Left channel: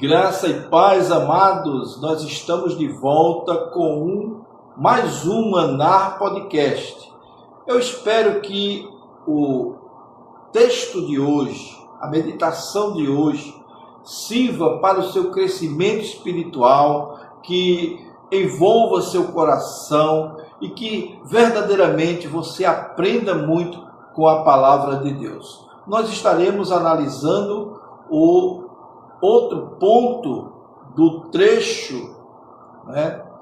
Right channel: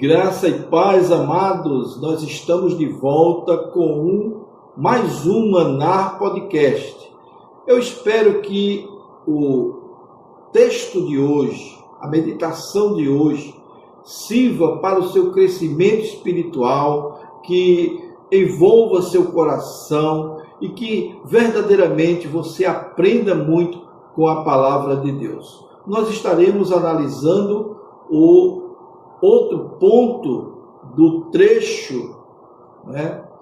Graça e paz, amados, nós estamos de volta com mais um Maná Podcast. Eu espero que o texto de hoje, a meditação de hoje, sirva para o seu crescimento espiritual, que envolva seu coração e que verdadeiramente você aprenda muito com a palavra de Deus. Nós estaremos analisando o outro ponto do trecho,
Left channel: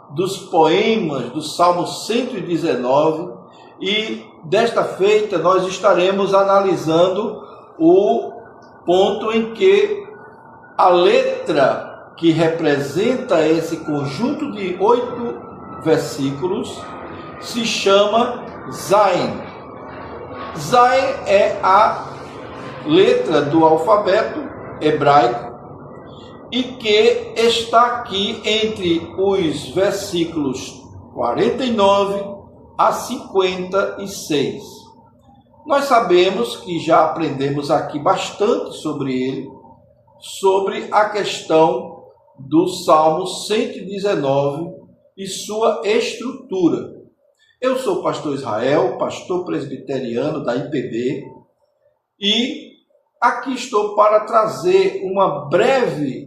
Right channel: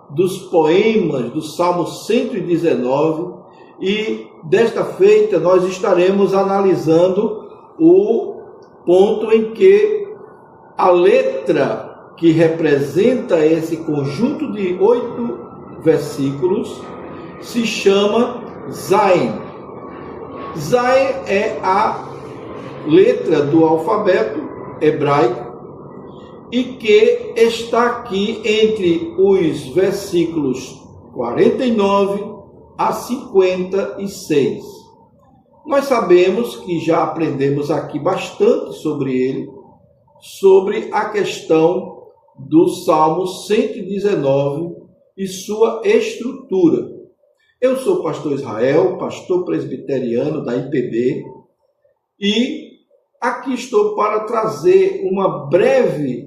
dos poemas do Salmo 119, e desta feita nós estaremos analisando o ponto em que a letra que representa esse conjunto de 8 versículos se chama Zain. Zain é a letra do alfabeto hebraico e que está aqui entre os versículos 49 a 56. Nós sabemos que já aprendemos aqui bastante sobre ele, sobre a questão do Salmo 119 e sua estrutura. Eu sou o pastor Israel, pastor presbiteriano da IPB, e aqui estou para trazer uma breve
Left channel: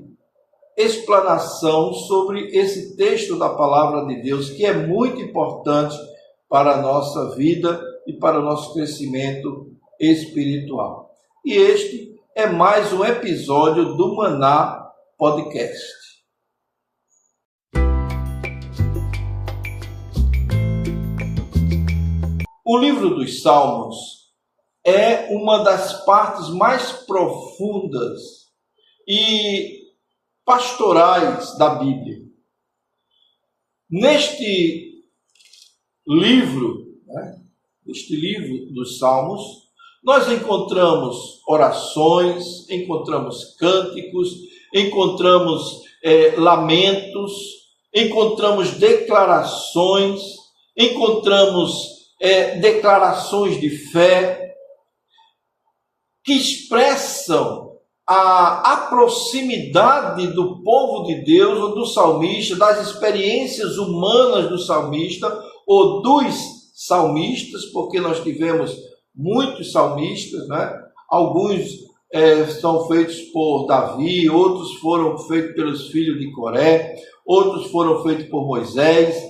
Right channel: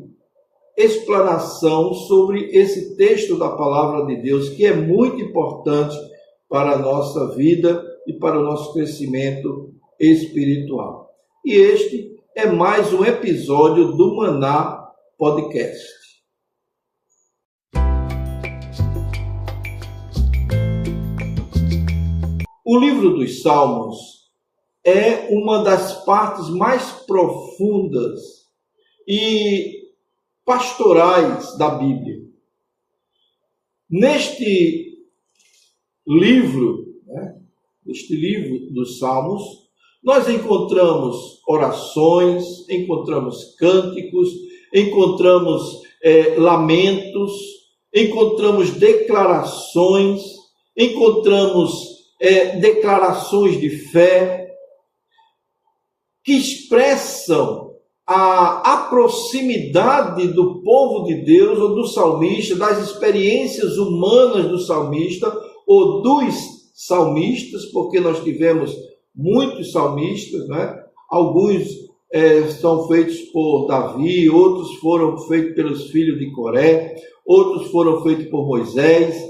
explanação sobre esse texto da palavra de Deus, que é muito importante para a nossa vida e para o nosso crescimento espiritual. E este é mais um episódio do Maná Podcast. O livro dos Salmos é uma das partes mais profundas e pastorais da Bíblia. Neste livro dos Salmos, nós encontramos orações, encontramos cânticos, encontramos lamentos, encontramos declarações, encontramos declarações de fé que expressam a proximidade do povo de Deus ou do salmista, das experiências humanas do salmista ou dos salmistas, porque nós tivemos muitos salmistas, Alguns são feitos por Davi, outros foram feitos pelos filhos de Coré, outros foram feitos por Moisés.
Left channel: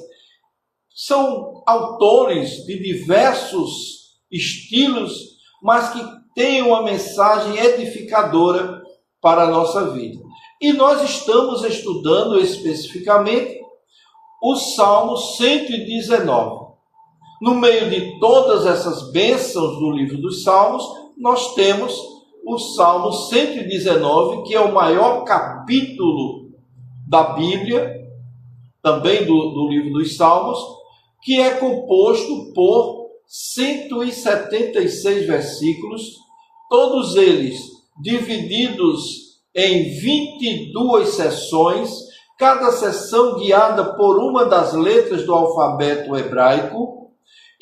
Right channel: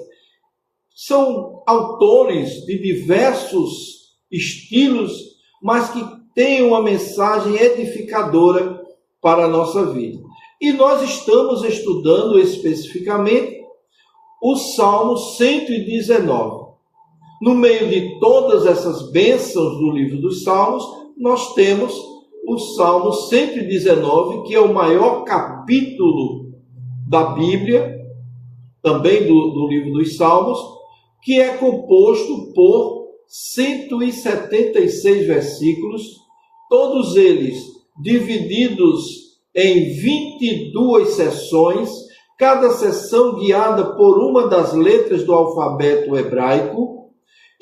São autores de diversos estilos, mas que têm uma mensagem edificadora para a nossa vida. E nós estamos estudando especificamente o Salmo 119. No meio de todas essas bênçãos do livro dos Salmos, nós temos o Salmo 119, que é o maior capítulo da Bíblia, também do livro dos Salmos, que é composto por 176 versículos, todos eles divididos em 22 seções, cada seção guiada por uma das letras do alfabeto hebraico,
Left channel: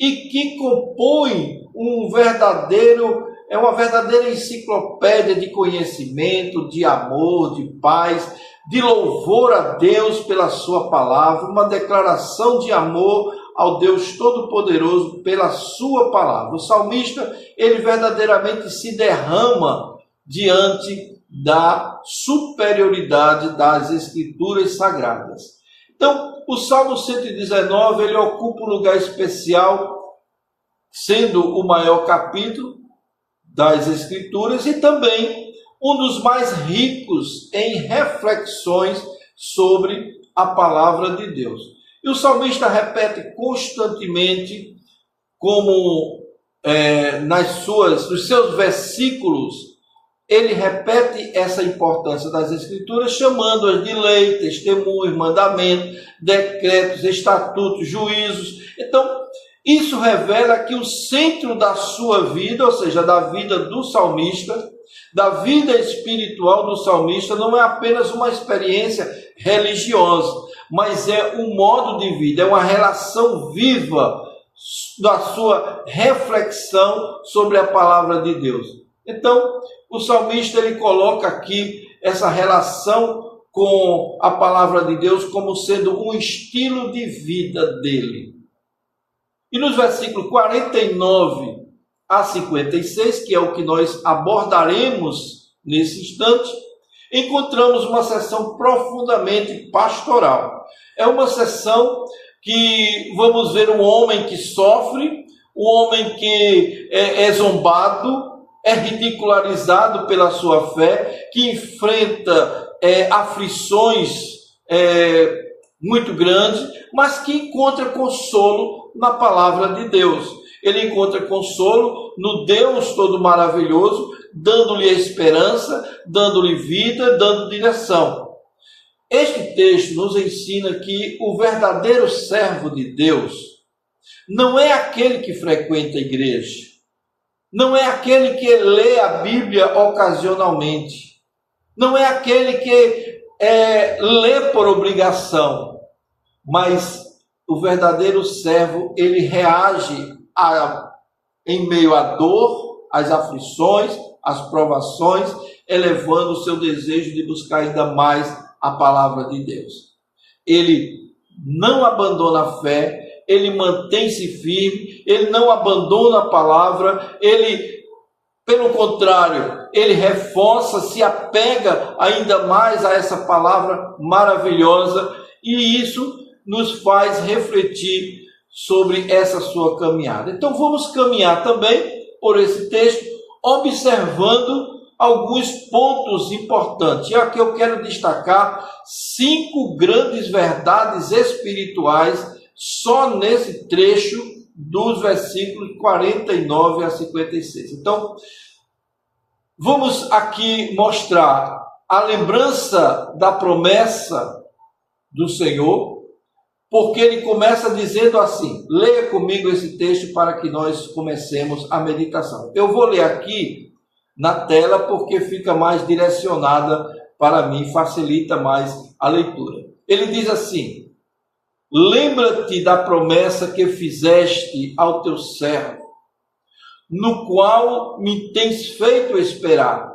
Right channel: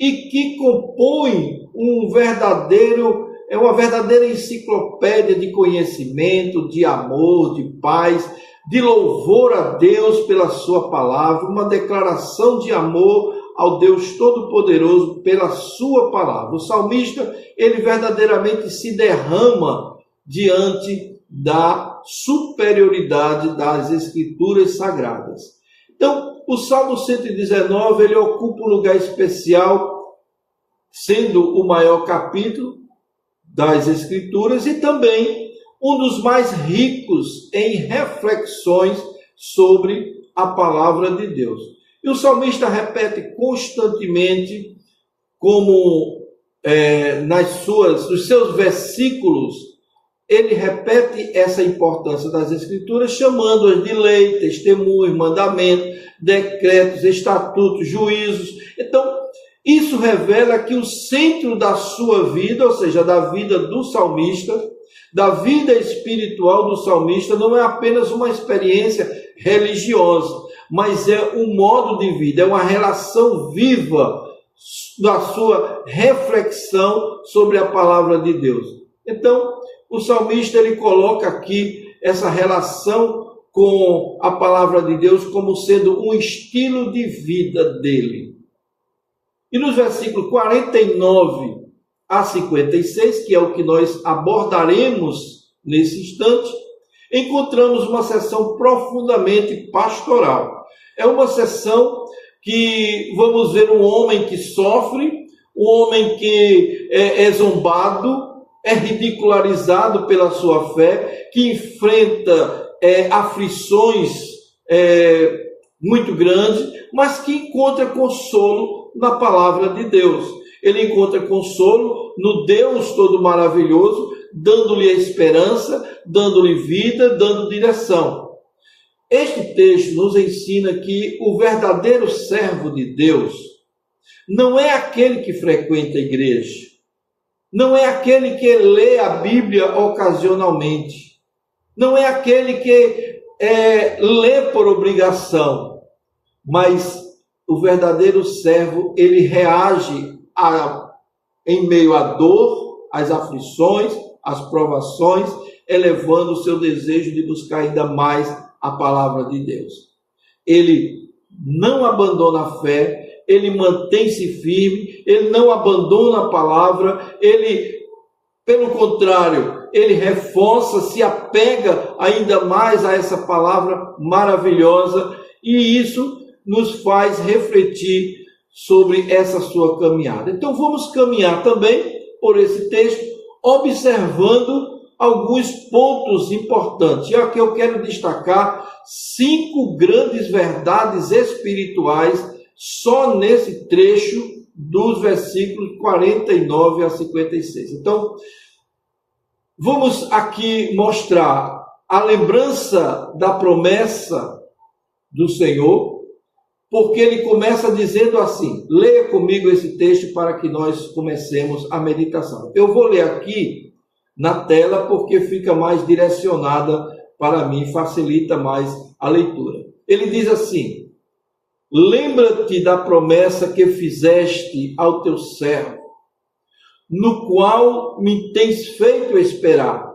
e que compõe uma verdadeira enciclopédia de conhecimento, de amor, de paz, de louvor a Deus pela sua palavra, uma declaração de amor ao Deus Todo-Poderoso pela sua palavra. O salmista, ele verdadeiramente se derrama diante da superioridade das Escrituras Sagradas. Então, o Salmo 119, ele ocupa um lugar especial, sendo o maior capítulo das Escrituras e também um dos mais ricos em reflexões sobre a palavra de Deus. E o salmista repete constantemente, como nos seus versículos, ele repete essa importância das Escrituras, chamando-as de lei, testemunhos, mandamentos, decretos, estatutos, juízos. Então, isso revela que o centro da sua vida, ou seja, da vida do salmista, da vida espiritual do salmista, não é apenas uma experiência religiosa, mas é um modo de vida, é uma relação viva da sua reflexão sobre a palavra de Deus. Então, o salmista ele coloca aqui essa relação com a palavra de Deus como sendo um estilo de vida dele. E nos versículos 49 a 56, que é o que nós abordaremos nesse instante, encontramos uma sessão profundamente pastoral. É uma sessão que vamos ver um homem que sofre, um homem que é zombado, é ridicularizado pela sua fé, que enfrenta aflições muito grandes, mas que encontra consolo na palavra de Deus. Ele encontra consolo no Deus todo maravilhoso, dando-lhe esperança, dando-lhe vida, dando direção. Este texto nos ensina que o verdadeiro servo de Deus não é aquele que frequenta a igreja, não é aquele que lê a Bíblia ocasionalmente, não é aquele que lê por obrigação, mas o verdadeiro servo, ele reage em meio à dor, às aflições, às provações, elevando o seu desejo de buscar ainda mais a palavra de Deus. Ele não abandona a fé, ele mantém-se firme, ele não abandona a palavra, ele, pelo contrário, ele reforça, se apega ainda mais a essa palavra maravilhosa, e isso nos faz refletir sobre essa sua caminhada. Então vamos caminhar também por esse texto, observando alguns pontos importantes. E aqui eu quero destacar 5 grandes verdades espirituais só nesse trecho dos versículos 49 a 56. Então, vamos aqui mostrar a lembrança da promessa do Senhor, porque ele começa dizendo assim, leia comigo esse texto para que nós comecemos a meditação. Eu vou ler aqui na tela porque fica mais direcionada para mim, facilita mais a leitura. Ele diz assim, lembra-te da promessa que fizeste ao teu servo, no qual me tens feito esperar.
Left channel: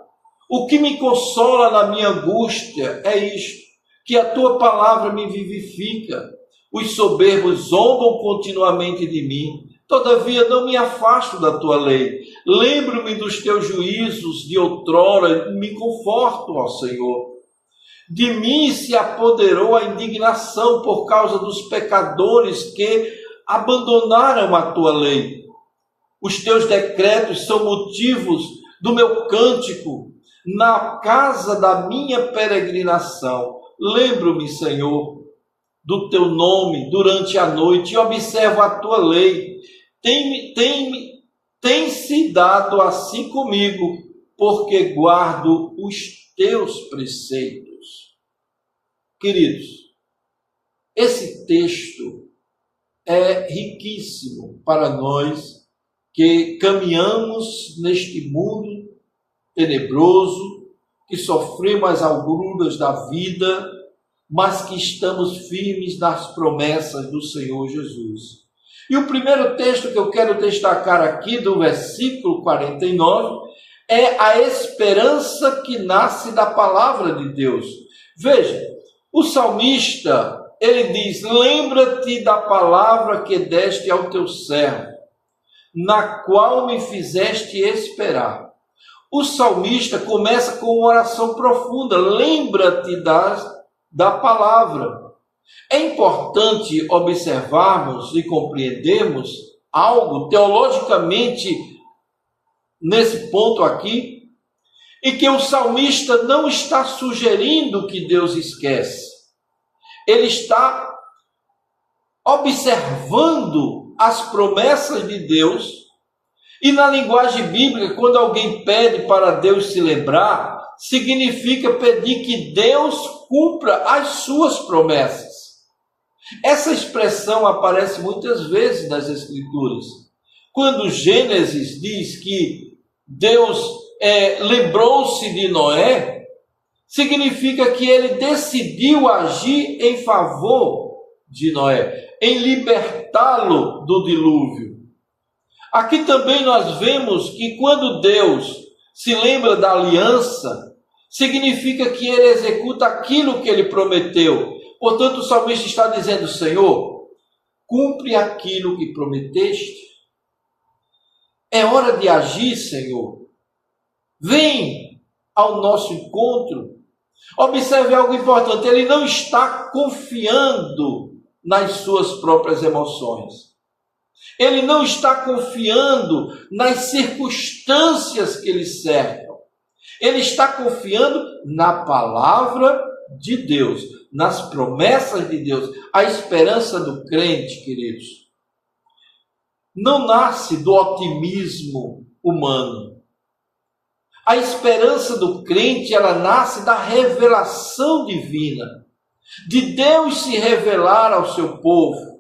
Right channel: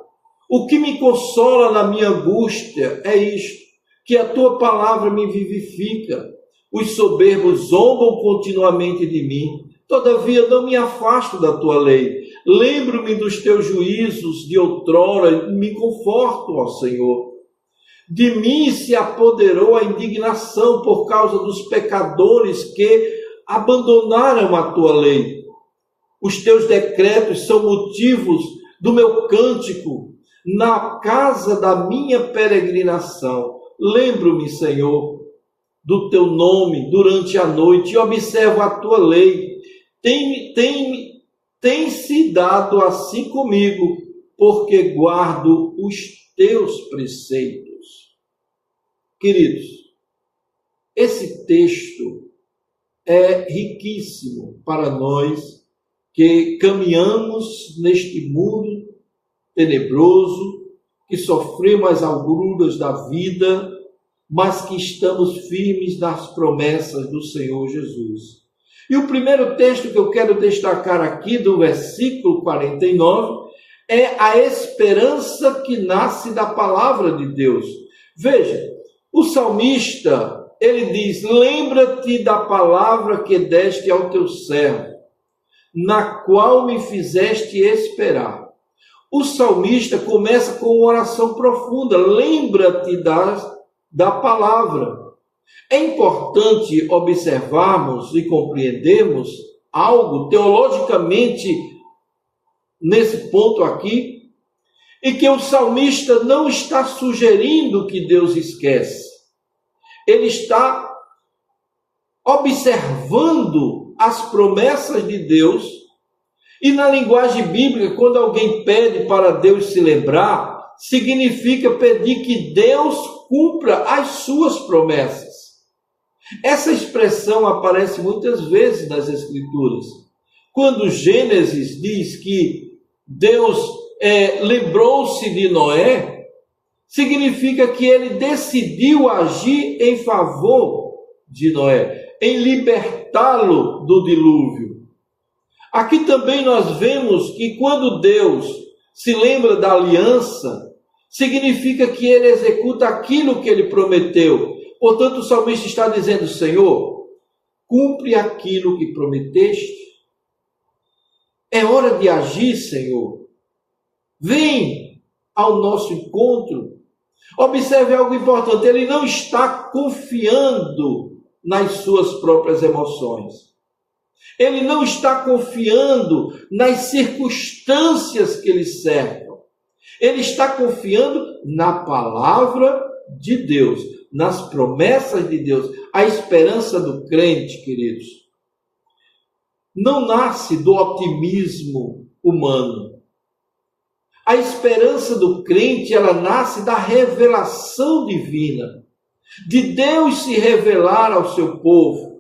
O que me consola na minha angústia é isto, que a tua palavra me vivifica. Os soberbos zombam continuamente de mim, todavia não me afasto da tua lei. Lembro-me dos teus juízos de outrora e me conforto, ó Senhor. De mim se apoderou a indignação por causa dos pecadores que abandonaram a tua lei. Os teus decretos são motivos do meu cântico na casa da minha peregrinação. Lembro-me, Senhor, do teu nome durante a noite e observo a tua lei. Tem-se dado assim comigo, porque guardo os teus preceitos. Queridos, esse texto é riquíssimo para nós que caminhamos neste mundo tenebroso, que sofremos as agruras da vida, mas que estamos firmes nas promessas do Senhor Jesus. E o primeiro texto que eu quero destacar aqui, do versículo 49, é a esperança que nasce da palavra de Deus. Veja, o salmista, ele diz, lembra-te da palavra que deste ao teu servo, na qual me fizeste esperar. O salmista começa com uma oração profunda, lembra-te da palavra. É importante observarmos e compreendermos algo teologicamente nesse ponto aqui, e que o salmista não está sugerindo que Deus esquece. Ele está observando as promessas de Deus, e na linguagem bíblica, quando alguém pede para Deus se lembrar, significa pedir que Deus cumpra as suas promessas. Essa expressão aparece muitas vezes nas Escrituras. Quando Gênesis diz que Deus lembrou-se de Noé, significa que ele decidiu agir em favor de Noé, em libertá-lo do dilúvio. Aqui também nós vemos que quando Deus se lembra da aliança, significa que ele executa aquilo que ele prometeu. Portanto, o salmista está dizendo: Senhor, cumpre aquilo que prometeste. É hora de agir, Senhor. Vem ao nosso encontro. Observe algo importante: ele não está confiando nas suas próprias emoções. Ele não está confiando nas circunstâncias que lhe cercam. Ele está confiando na palavra de Deus, nas promessas de Deus. A esperança do crente, queridos, não nasce do otimismo humano. A esperança do crente, ela nasce da revelação divina, de Deus se revelar ao seu povo,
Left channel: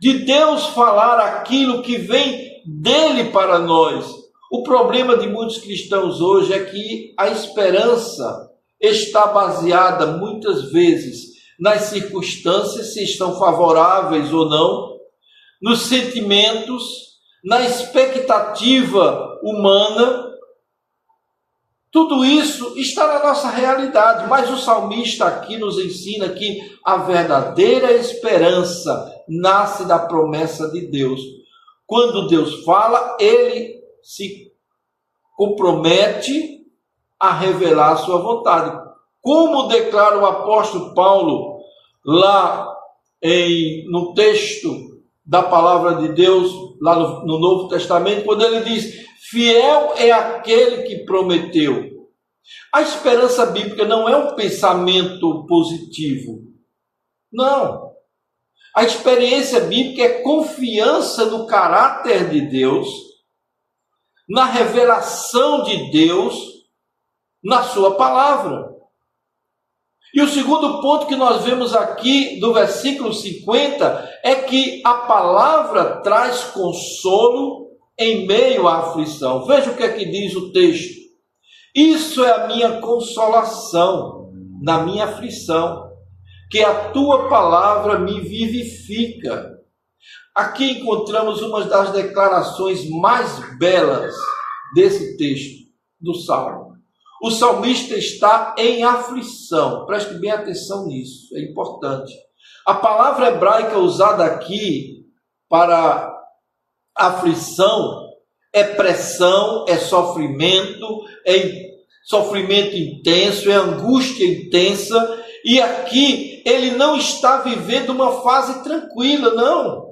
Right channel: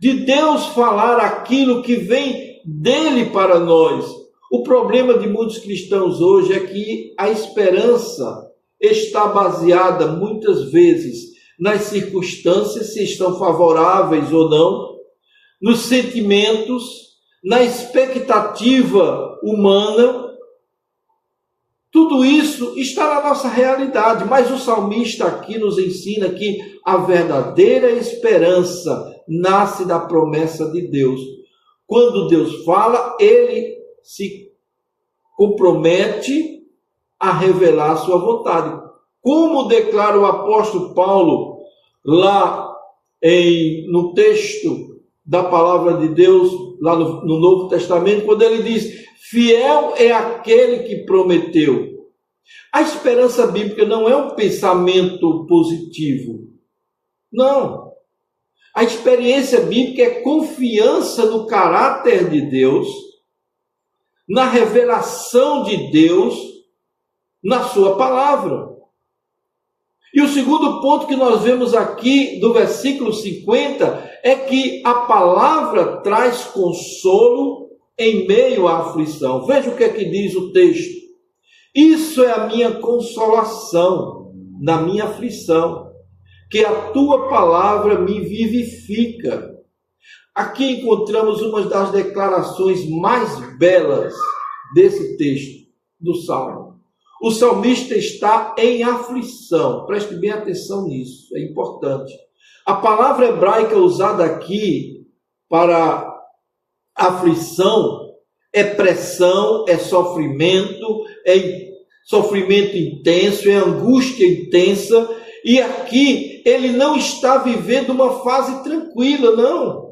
de Deus falar aquilo que vem dele para nós. O problema de muitos cristãos hoje é que a esperança está baseada muitas vezes nas circunstâncias, se estão favoráveis ou não, nos sentimentos, na expectativa humana. Tudo isso está na nossa realidade, mas o salmista aqui nos ensina que a verdadeira esperança nasce da promessa de Deus. Quando Deus fala, ele se compromete a revelar a sua vontade. Como declara o apóstolo Paulo lá no texto da palavra de Deus, lá no Novo Testamento, quando ele diz: fiel é aquele que prometeu. A esperança bíblica não é um pensamento positivo. Não. A experiência bíblica é confiança no caráter de Deus, na revelação de Deus, na sua palavra. E o segundo ponto que nós vemos aqui do versículo 50 é que a palavra traz consolo em meio à aflição. Veja o que é que diz o texto. Isso é a minha consolação na minha aflição, que a tua palavra me vivifica. Aqui encontramos uma das declarações mais belas desse texto do Salmo. O salmista está em aflição. Preste bem atenção nisso, é importante. A palavra hebraica usada aqui para aflição é pressão, é sofrimento intenso, é angústia intensa. E aqui ele não está vivendo uma fase tranquila, não.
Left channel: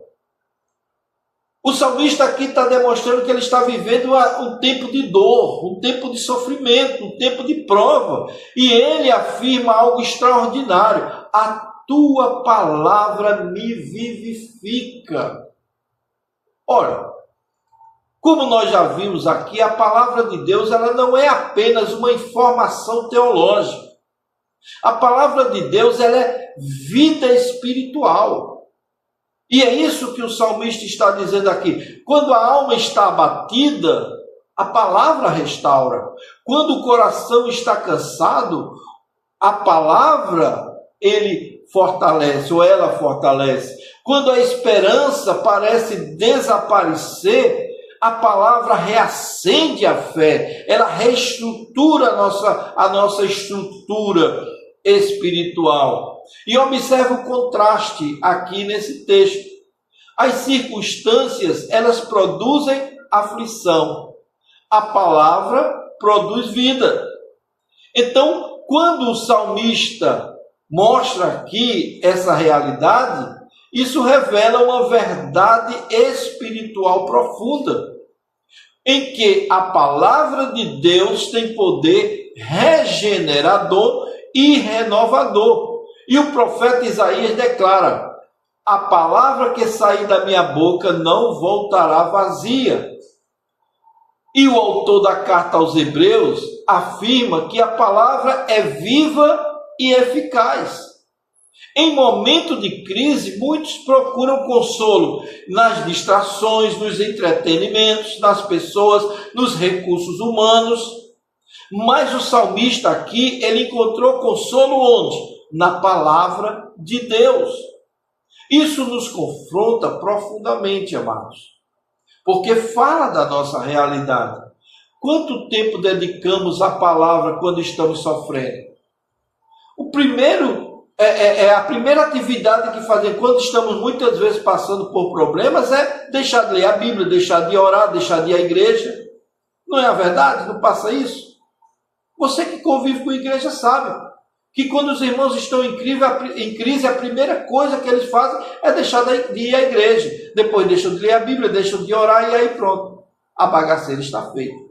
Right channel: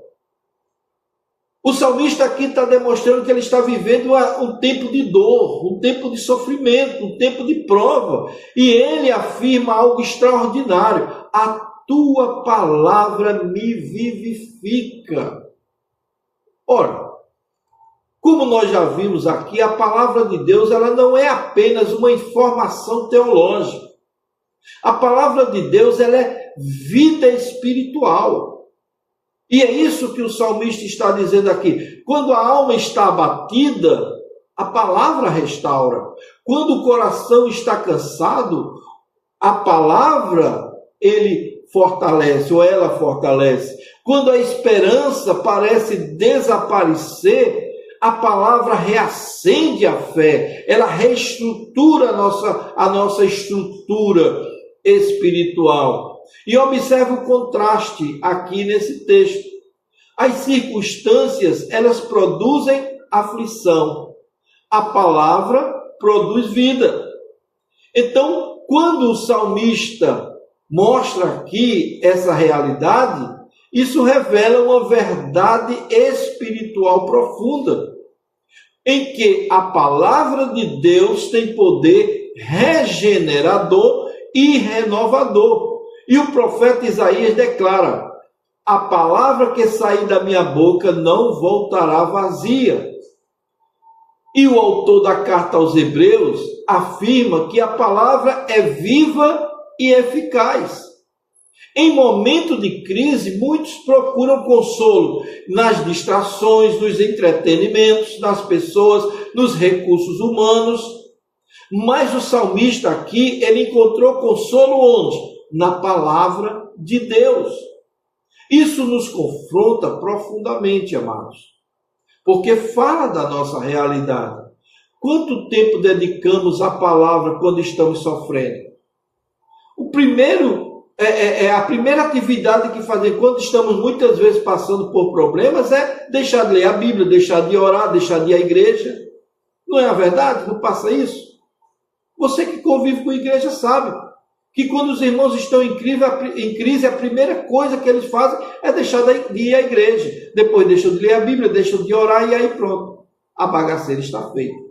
O salmista aqui está demonstrando que ele está vivendo um tempo de dor, um tempo de sofrimento, um tempo de prova. E ele afirma algo extraordinário: a tua palavra me vivifica. Ora, como nós já vimos aqui, a palavra de Deus ela não é apenas uma informação teológica. A palavra de Deus ela é vida espiritual. E é isso que o salmista está dizendo aqui. Quando a alma está abatida, a palavra restaura. Quando o coração está cansado, a palavra ele fortalece, ou ela fortalece. Quando a esperança parece desaparecer, a palavra reacende a fé, ela reestrutura a nossa estrutura espiritual. E observe o contraste aqui nesse texto. As circunstâncias, elas produzem aflição. A palavra produz vida. Então, quando o salmista mostra aqui essa realidade, isso revela uma verdade espiritual profunda, em que a palavra de Deus tem poder regenerador e renovador. E o profeta Isaías declara: a palavra que sair da minha boca não voltará vazia. E o autor da carta aos Hebreus afirma que a palavra é viva e eficaz. Em momento de crise, muitos procuram consolo nas distrações, nos entretenimentos, nas pessoas, nos recursos humanos. Mas o salmista aqui, ele encontrou consolo onde? Na palavra de Deus. Isso nos confronta profundamente, amados, porque fala da nossa realidade. Quanto tempo dedicamos à palavra quando estamos sofrendo? O primeiro a primeira atividade que fazemos quando estamos muitas vezes passando por problemas é deixar de ler a Bíblia, deixar de orar, deixar de ir à igreja. Não é a verdade? Não passa isso? Você que convive com a igreja sabe que quando os irmãos estão em crise, a primeira coisa que eles fazem é deixar de ir à igreja. Depois deixam de ler a Bíblia, deixam de orar e aí pronto. A bagaceira está feita.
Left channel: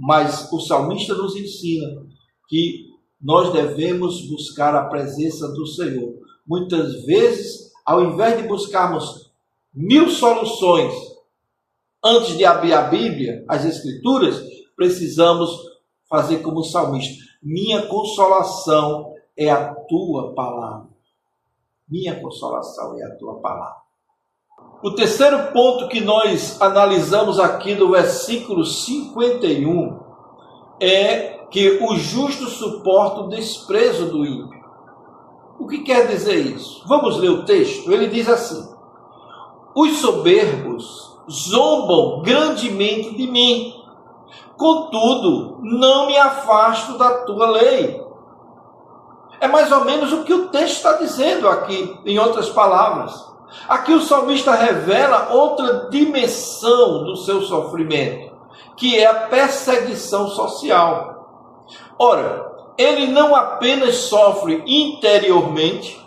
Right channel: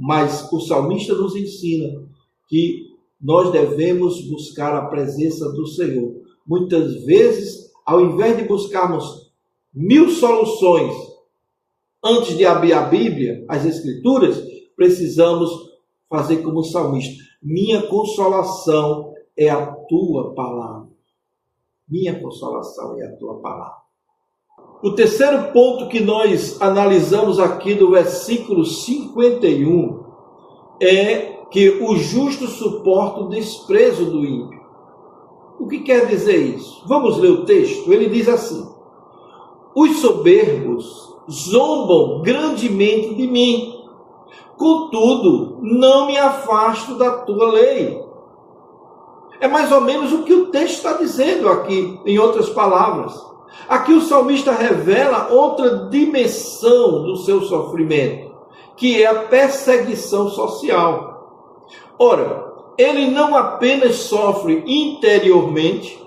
Mas o salmista nos ensina que nós devemos buscar a presença do Senhor. Muitas vezes, ao invés de buscarmos 1000 soluções antes de abrir a Bíblia, as Escrituras, precisamos fazer como o salmista. Minha consolação é a tua palavra. Minha consolação é a tua palavra. O terceiro ponto que nós analisamos aqui do versículo 51 é que o justo suporta o desprezo do ímpio. O que quer dizer isso? Vamos ler o texto. Ele diz assim: os soberbos zombam grandemente de mim, contudo, não me afasto da tua lei. É mais ou menos o que o texto está dizendo aqui, em outras palavras. Aqui o salmista revela outra dimensão do seu sofrimento, que é a perseguição social. Ora, ele não apenas sofre interiormente,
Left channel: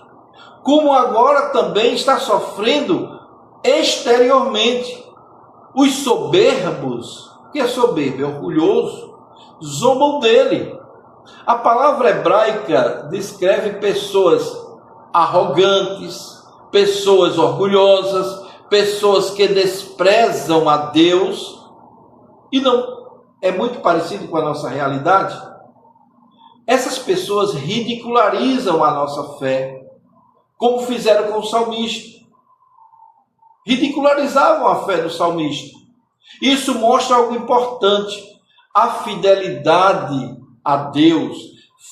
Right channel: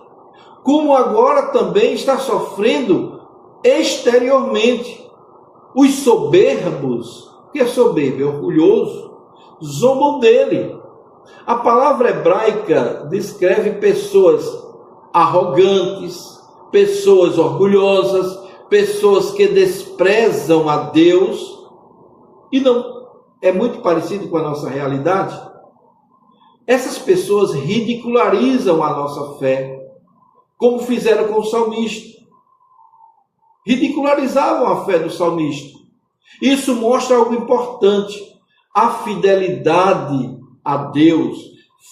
como agora também está sofrendo exteriormente. Os soberbos, o que é soberbo? É orgulhoso, zombam dele. A palavra hebraica descreve pessoas arrogantes, pessoas orgulhosas, pessoas que desprezam a Deus. E não é muito parecido com a nossa realidade? Essas pessoas ridicularizam a nossa fé, como fizeram com o salmista. Ridicularizavam a fé do salmista. Isso mostra algo importante. A fidelidade a Deus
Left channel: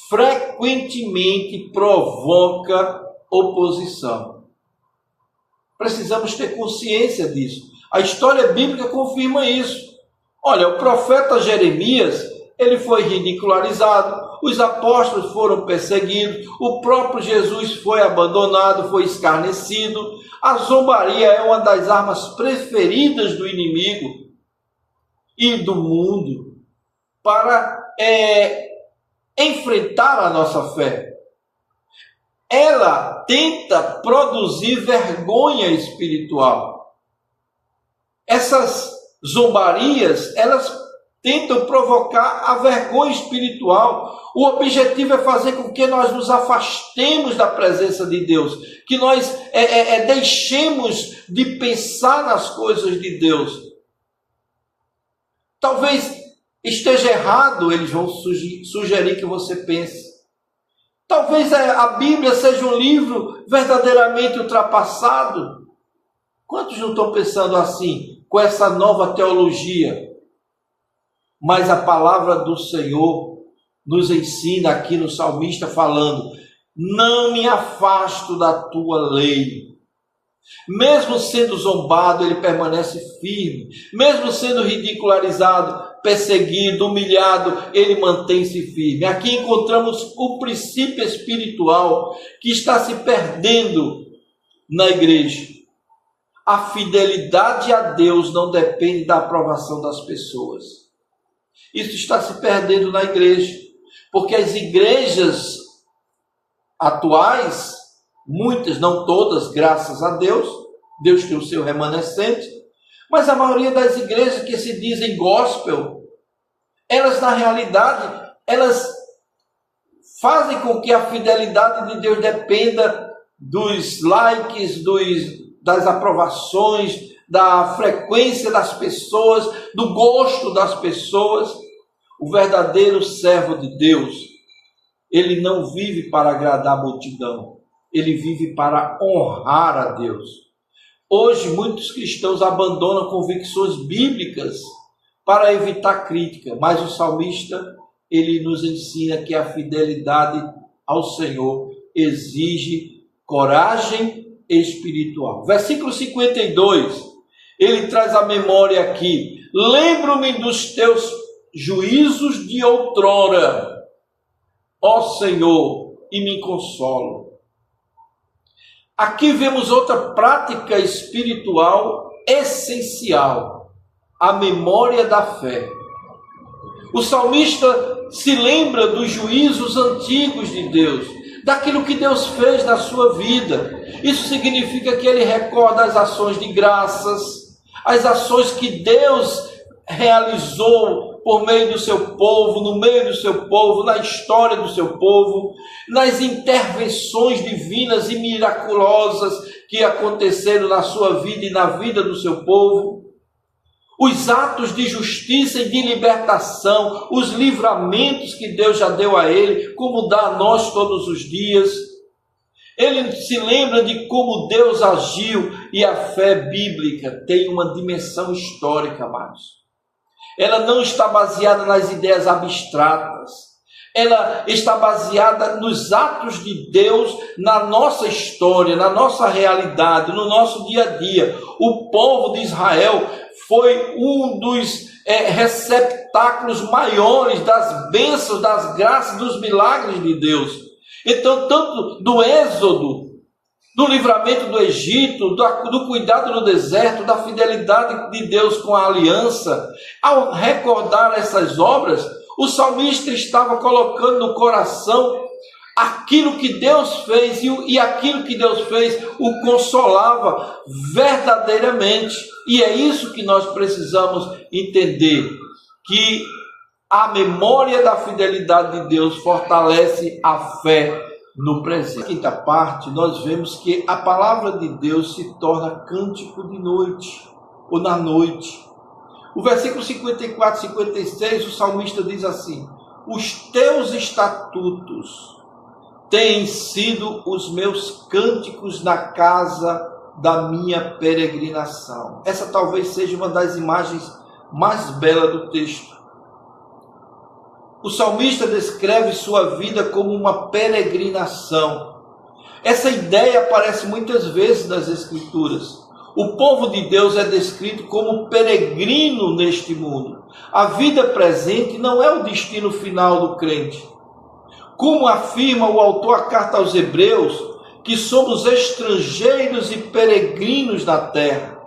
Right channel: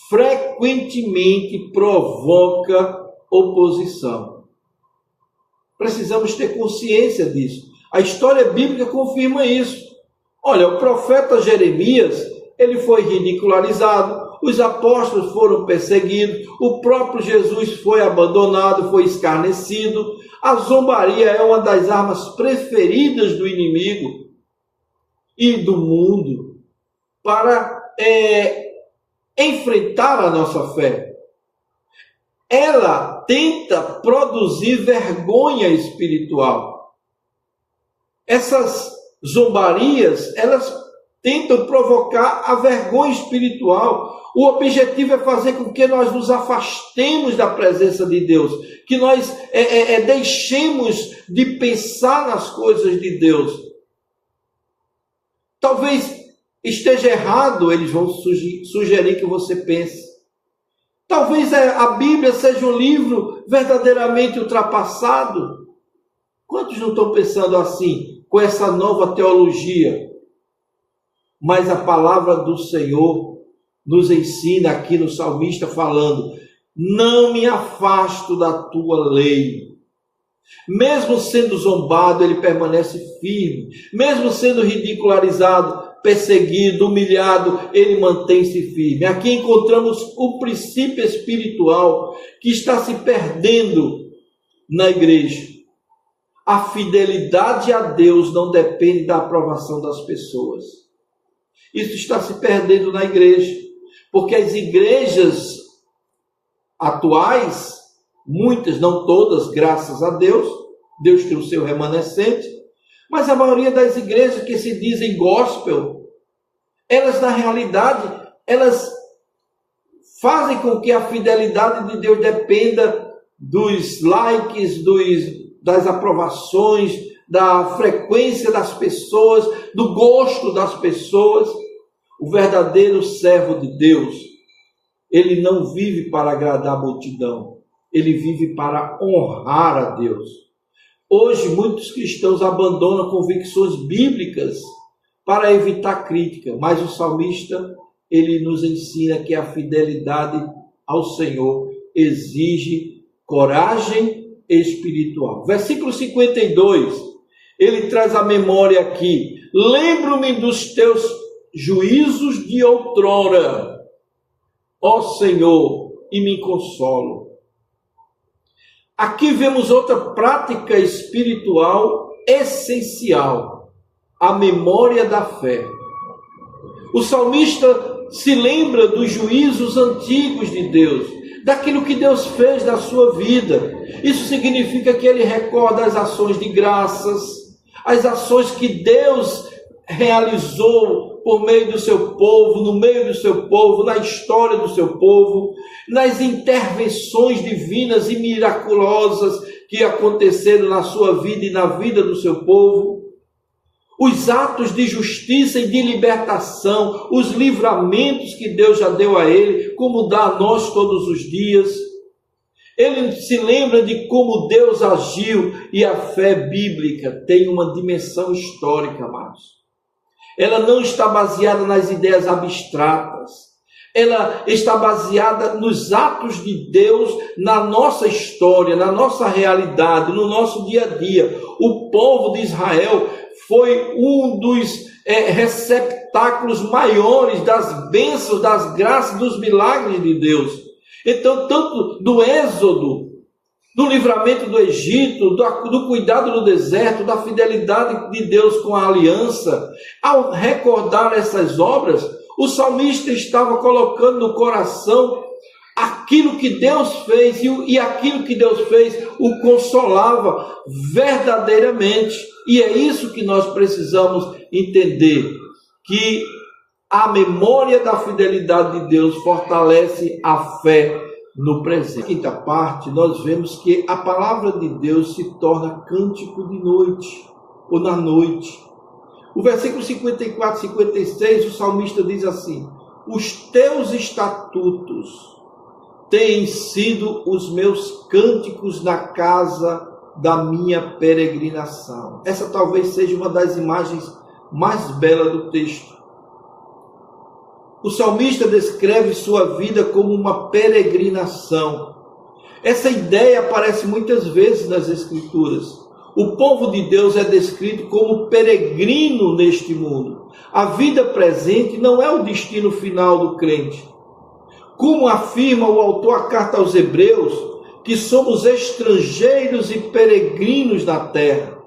frequentemente provoca oposição. Precisamos ter consciência disso. A história bíblica confirma isso. Olha, o profeta Jeremias, ele foi ridicularizado, os apóstolos foram perseguidos, o próprio Jesus foi abandonado, foi escarnecido. A zombaria é uma das armas preferidas do inimigo e do mundo para enfrentar a nossa fé. Ela tenta produzir vergonha espiritual. Essas zombarias, elas tentam provocar a vergonha espiritual. O objetivo é fazer com que nós nos afastemos da presença de Deus, que nós deixemos de pensar nas coisas de Deus. Talvez esteja errado, eles vão sugerir que você pense. Talvez a Bíblia seja um livro verdadeiramente ultrapassado. Quantos não estão pensando assim, com essa nova teologia? Mas a palavra do Senhor nos ensina aqui no salmista falando: não me afasto da tua lei. Mesmo sendo zombado, ele permanece firme. Mesmo sendo ridicularizado, perseguido, humilhado, ele mantém-se firme. Aqui encontramos o princípio espiritual que está se perdendo na igreja. A fidelidade a Deus não depende da aprovação das pessoas. Isso está se perdendo na igreja, porque as igrejas atuais, muitas, não todas, graças a Deus, Deus tem o seu remanescente, mas a maioria das igrejas que se dizem gospel, elas na realidade, elas fazem com que a fidelidade de Deus dependa dos likes, das aprovações, da frequência das pessoas, do gosto das pessoas. O verdadeiro servo de Deus, ele não vive para agradar a multidão, ele vive para honrar a Deus. Hoje muitos cristãos abandonam convicções bíblicas para evitar crítica, mas o salmista, ele nos ensina que a fidelidade ao Senhor exige coragem espiritual. Versículo 52, ele traz a memória aqui: lembro-me dos teus juízos de outrora, ó Senhor, e me consolo. Aqui vemos outra prática espiritual essencial, a memória da fé. O salmista se lembra dos juízos antigos de Deus, daquilo que Deus fez na sua vida. Isso significa que ele recorda as ações de graças, as ações que Deus realizou por meio do seu povo, no meio do seu povo, na história do seu povo, nas intervenções divinas e miraculosas que aconteceram na sua vida e na vida do seu povo. Os atos de justiça e de libertação, os livramentos que Deus já deu a ele, como dá a nós todos os dias. Ele se lembra de como Deus agiu, e a fé bíblica tem uma dimensão histórica, amados. Ela não está baseada nas ideias abstratas, ela está baseada nos atos de Deus, na nossa história, na nossa realidade, no nosso dia a dia. O povo de Israel foi um dos receptáculos maiores das bênçãos, das graças, dos milagres de Deus. Então, tanto do êxodo, do livramento do Egito, do cuidado no deserto, da fidelidade de Deus com a aliança, ao recordar essas obras, o salmista estava colocando no coração aquilo que Deus fez, e aquilo que Deus fez o consolava verdadeiramente. E é isso que nós precisamos entender, que a memória da fidelidade de Deus fortalece a fé no presente. Na quinta parte, nós vemos que a palavra de Deus se torna cântico de noite, ou na noite. O versículo 54 e 56, o salmista diz assim: os teus estatutos têm sido os meus cânticos na casa da minha peregrinação. Essa talvez seja uma das imagens mais belas do texto. O salmista descreve sua vida como uma peregrinação. Essa ideia aparece muitas vezes nas Escrituras. O povo de Deus é descrito como peregrino neste mundo. A vida presente não é o destino final do crente. Como afirma o autor da carta aos Hebreus, que somos estrangeiros e peregrinos na terra.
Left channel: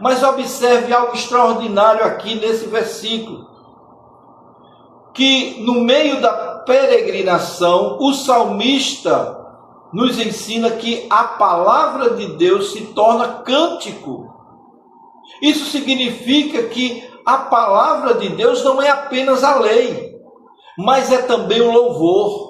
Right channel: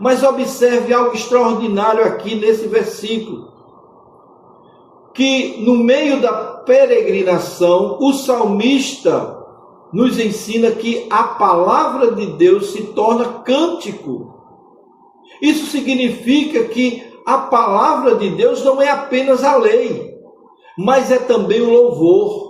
Mas observe algo extraordinário aqui nesse versículo, que no meio da peregrinação, o salmista nos ensina que a palavra de Deus se torna cântico. Isso significa que a palavra de Deus não é apenas a lei, mas é também o louvor.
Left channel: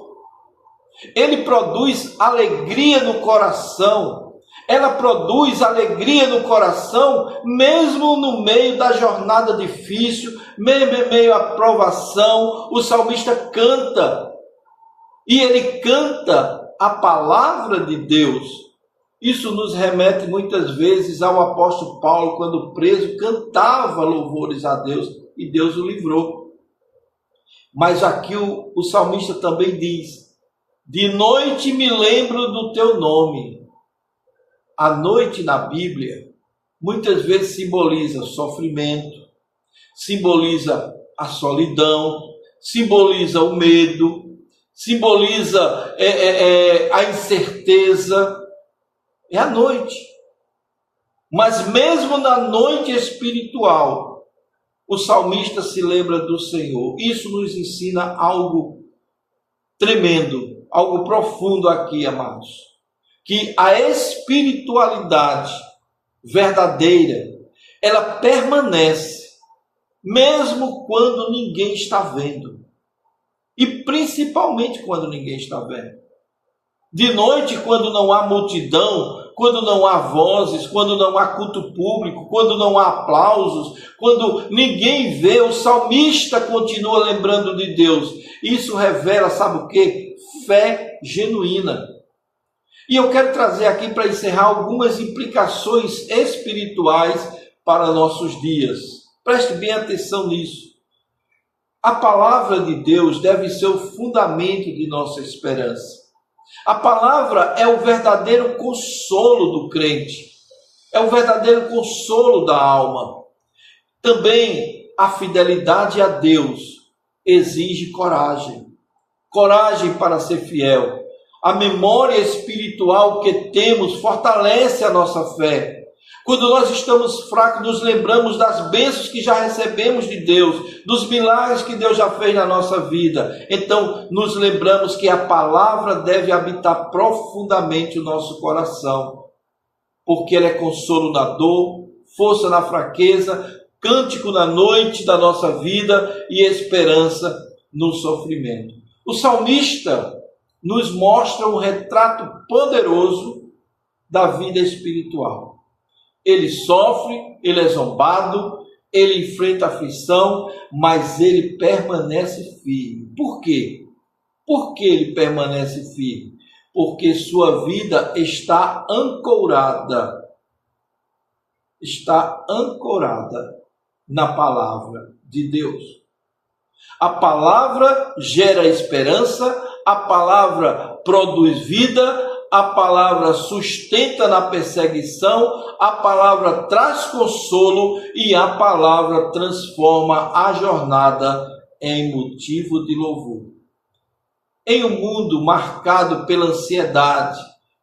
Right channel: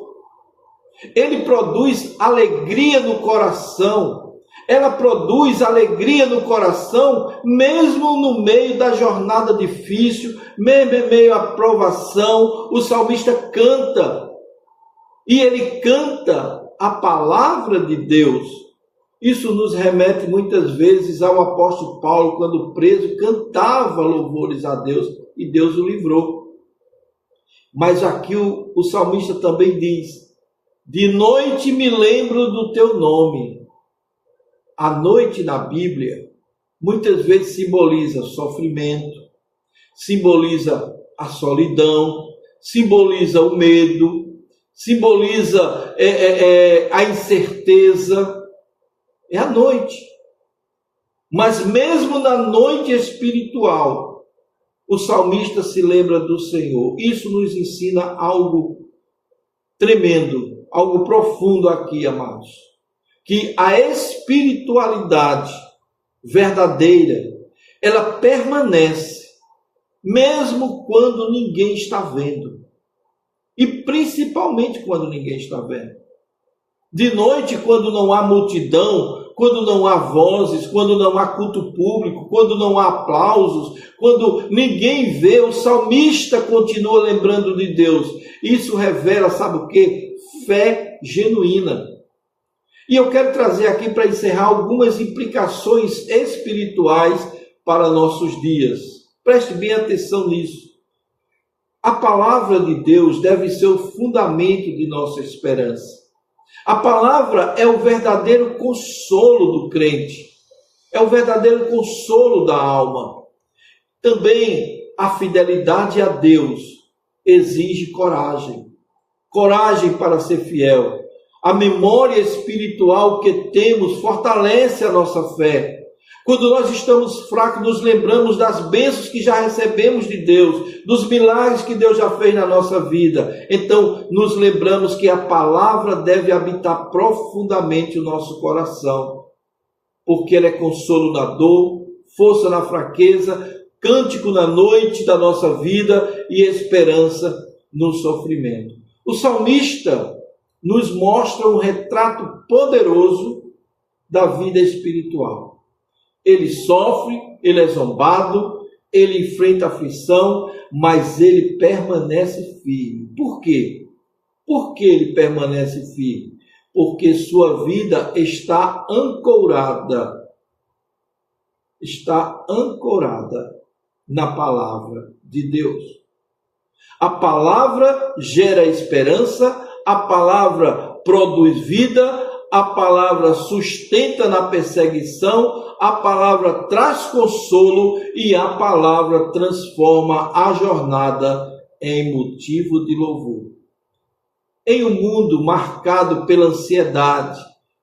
Ele produz alegria no coração. Ela produz alegria no coração, mesmo no meio da jornada difícil, mesmo em meio à provação. O salmista canta, e ele canta a palavra de Deus. Isso nos remete muitas vezes ao apóstolo Paulo, quando preso, cantava louvores a Deus, e Deus o livrou. Mas aqui o salmista também diz: de noite me lembro do teu nome. A noite na Bíblia muitas vezes simboliza sofrimento, simboliza a solidão, simboliza o medo, simboliza a incerteza. É a noite. Mas mesmo na noite espiritual, o salmista se lembra do Senhor. Isso nos ensina algo tremendo, algo profundo aqui, amados. Que a espiritualidade verdadeira, ela permanece, mesmo quando ninguém está vendo. E principalmente quando ninguém está vendo. De noite, quando não há multidão, quando não há vozes, quando não há culto público, quando não há aplausos, quando ninguém vê, o salmista continua lembrando de Deus. Isso revela, sabe o quê? Fé genuína. E eu quero trazer aqui para encerrar algumas implicações espirituais para nossos dias. Preste bem atenção nisso. A palavra de Deus deve ser o fundamento de nossa esperança. A palavra é o verdadeiro consolo do crente. É o verdadeiro consolo da alma. Também a fidelidade a Deus exige coragem. Coragem para ser fiel. A memória espiritual que temos fortalece a nossa fé. Quando nós estamos fracos, nos lembramos das bênçãos que já recebemos de Deus, dos milagres que Deus já fez na nossa vida. Então, nos lembramos que a palavra deve habitar profundamente o nosso coração, porque ela é consolo na dor, força na fraqueza, cântico na noite da nossa vida e esperança no sofrimento. O salmista nos mostra um retrato poderoso da vida espiritual. Ele sofre, ele é zombado, ele enfrenta aflição, mas ele permanece firme. Por quê? Por que ele permanece firme? Porque sua vida está ancorada na palavra de Deus. A palavra gera esperança, a palavra produz vida, a palavra sustenta na perseguição, a palavra traz consolo e a palavra transforma a jornada em motivo de louvor. Em um mundo marcado pela ansiedade,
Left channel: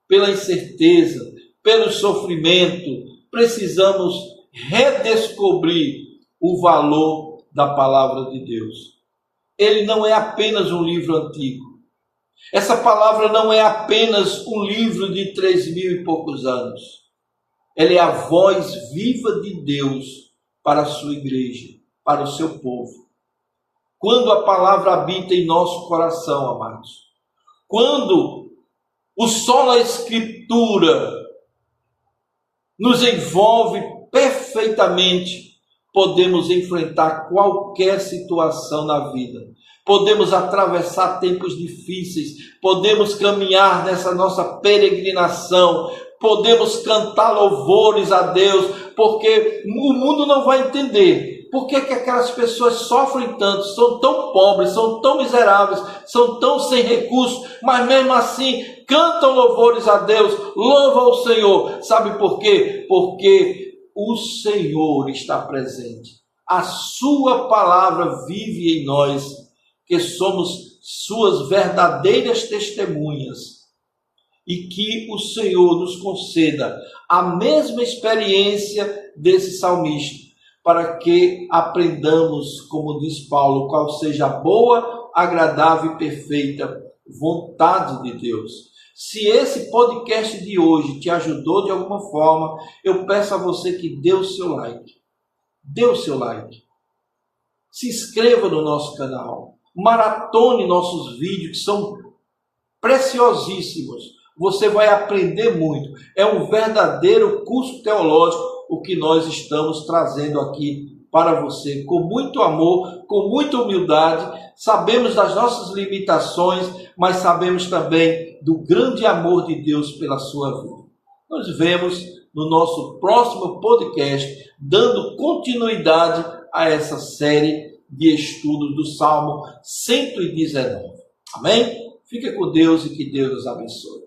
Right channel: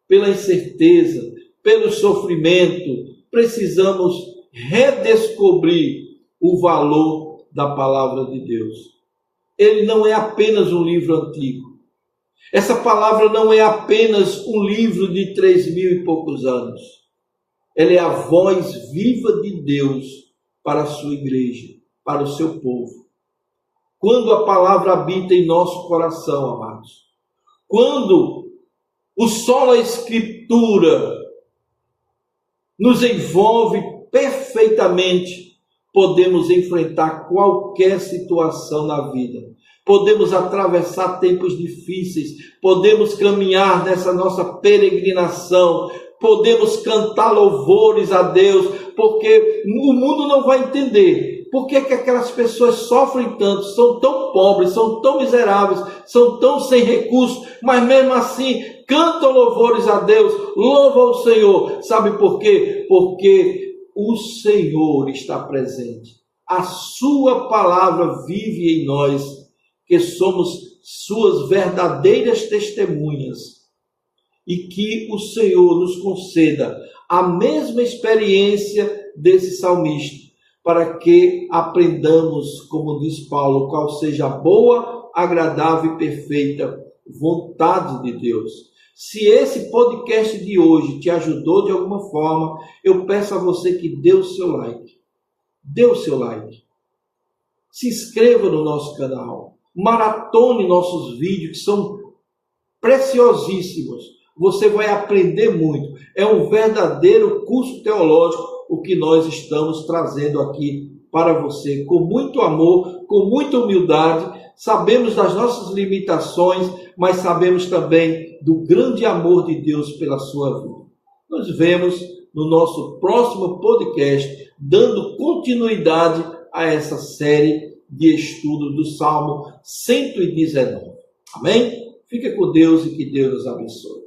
pela incerteza, pelo sofrimento, precisamos redescobrir o valor da palavra de Deus. Ele não é apenas um livro antigo. Essa palavra não é apenas um livro de 3.000 e poucos anos. Ela é a voz viva de Deus para a sua igreja, para o seu povo. Quando a palavra habita em nosso coração, amados, quando o só na Escritura nos envolve perfeitamente, podemos enfrentar qualquer situação na vida. Podemos atravessar tempos difíceis, podemos caminhar nessa nossa peregrinação, podemos cantar louvores a Deus, porque o mundo não vai entender por que aquelas pessoas sofrem tanto, são tão pobres, são tão miseráveis, são tão sem recursos, mas mesmo assim cantam louvores a Deus, louvam o Senhor. Sabe por quê? Porque o Senhor está presente. A sua palavra vive em nós, que somos suas verdadeiras testemunhas, e que o Senhor nos conceda a mesma experiência desse salmista, para que aprendamos, como diz Paulo, qual seja a boa, agradável e perfeita vontade de Deus. Se esse podcast de hoje te ajudou de alguma forma, eu peço a você que dê o seu like. Dê o seu like. Se inscreva no nosso canal. Maratone nossos vídeos, que são preciosíssimos. Você vai aprender muito. É um verdadeiro curso teológico o que nós estamos trazendo aqui para você, com muito amor, com muita humildade. Sabemos das nossas limitações, mas sabemos também do grande amor de Deus pela sua vida. Nos vemos no nosso próximo podcast, dando continuidade a essa série de estudos do Salmo 119. Amém? Fique com Deus e que Deus nos abençoe.